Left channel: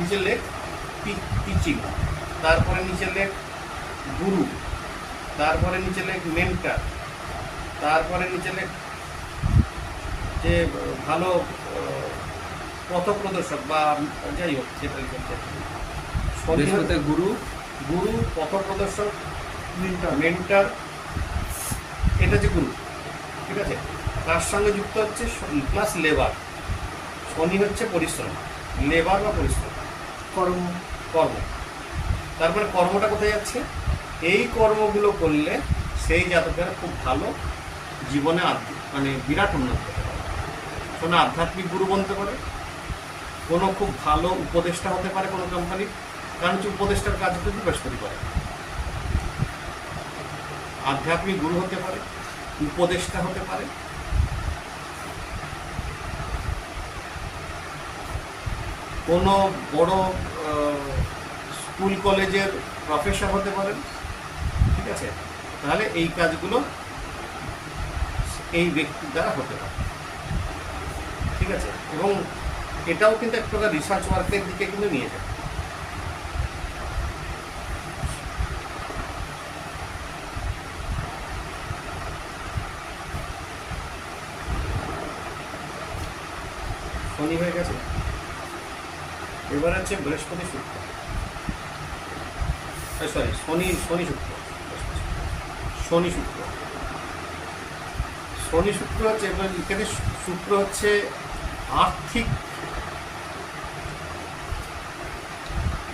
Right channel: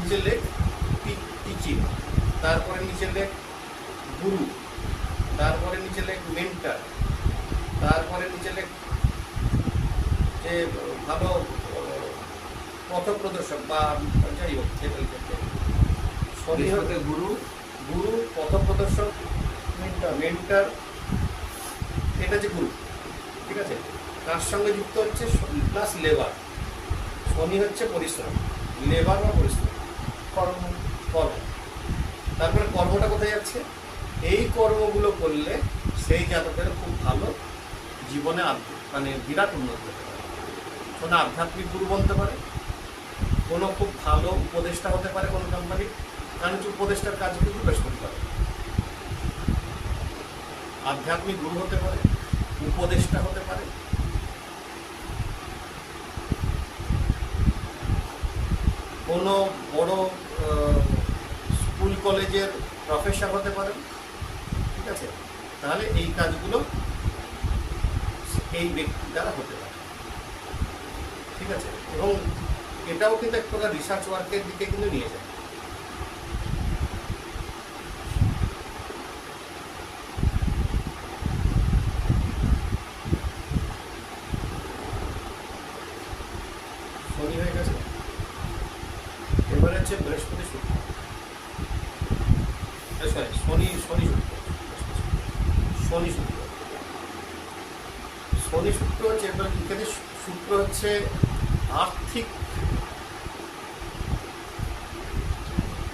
নিচে লেখ টিচিং, তারপরে নিচে লেখ গুরু, তারপরে নিচে লেখ মেন্টার, তারপরে নিচে লেখ যে ভালো পথপ্রদর্শক বা যাই হোক যেটা লিখেছে। বৃহস্পতি গুরু, গুরু, পথপ্রদর্শক, মেন্টার, এটা যে গুরু, ঠিক আছে। তার সঙ্গে যুক্ত হচ্ছে প্লাস লেবার। শনি হচ্ছে পরিশ্রম, লেবার বা পরিশ্রম, কর্ম। কর্ম। তারপরে কর্মটা কোথায় যাচ্ছে? এই কর্মগুলো করলে সেই জাতকের খুব ভালো জীবনে মানে বিরাট উন্নতি হতে পারে। কোনো আধ্যাত্মিক গুরু বলতে পারে, কোনো খুব ভালো উপদেষ্টা হতে পারে কোনো কোম্পানির, কারণ হচ্ছে উপদেষ্টার কাজগুলো বৃহস্পতি করে। আধ্যাত্মিক গুরু হতে পারে, উপদেষ্টা হতে পারে, কোনো বড় স্কুল কলেজের প্রফেসর হতে পারেন, ঠিক আছে। তাহলে এই কাজগুলো এই ব্যক্তির দ্বারা হতে পারে, ঠিক আছে। এবং এটাও কিন্তু এক প্রকার রিসার্চ ওয়ার্কের দিকে কিন্তু নিয়ে যায়। শনি হয়ে গেছে, এবার হচ্ছে বৃহস্পতি শুক্র, সরি শনি শনি শুক্র, শনি শুক্র, শনি শুক্র হচ্ছে, এবার এখানে শুক্র হচ্ছে আর্থিক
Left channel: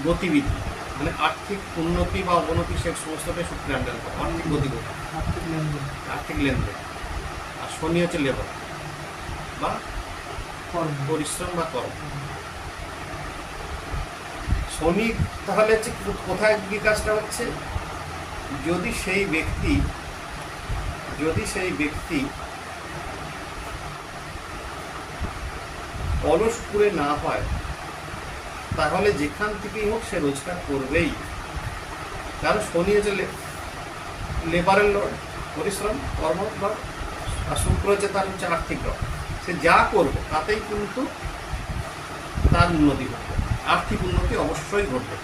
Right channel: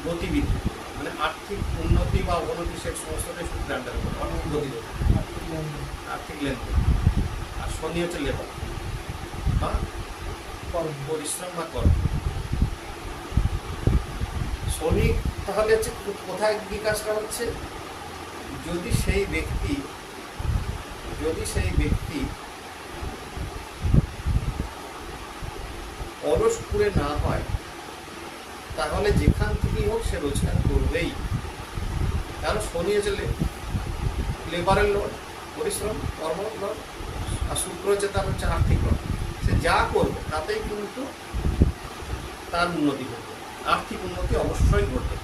গতিবিধি, মানে আর্থিক উন্নতি বা অবনতি, সে সমস্তটাই শুক্রের আন্ডারে পড়ে। অর্থিক গতিবিধি, আর্থিক লেনদেন। আর শনি হচ্ছে লেবার বা পরিশ্রম বা কর্ম। শনি তাহলে হচ্ছে কোথায় কি কাজটা হচ্ছে? যদি সেই ব্যক্তি অলস করে না হয়, তাহলে যেখান থেকেই হোক সে রোজগার করবেই। কারণ শনি হচ্ছে লেবারের লর্ড, পরিশ্রম কর্ম লর্ড, আর শুক্র হচ্ছে তার হচ্ছে আর্থিক লর্ড। সে যা করবে তাতেই কিন্তু তার উন্নতি ঘটবে, আর্থিক উন্নতি অবশ্যই ঘটবে।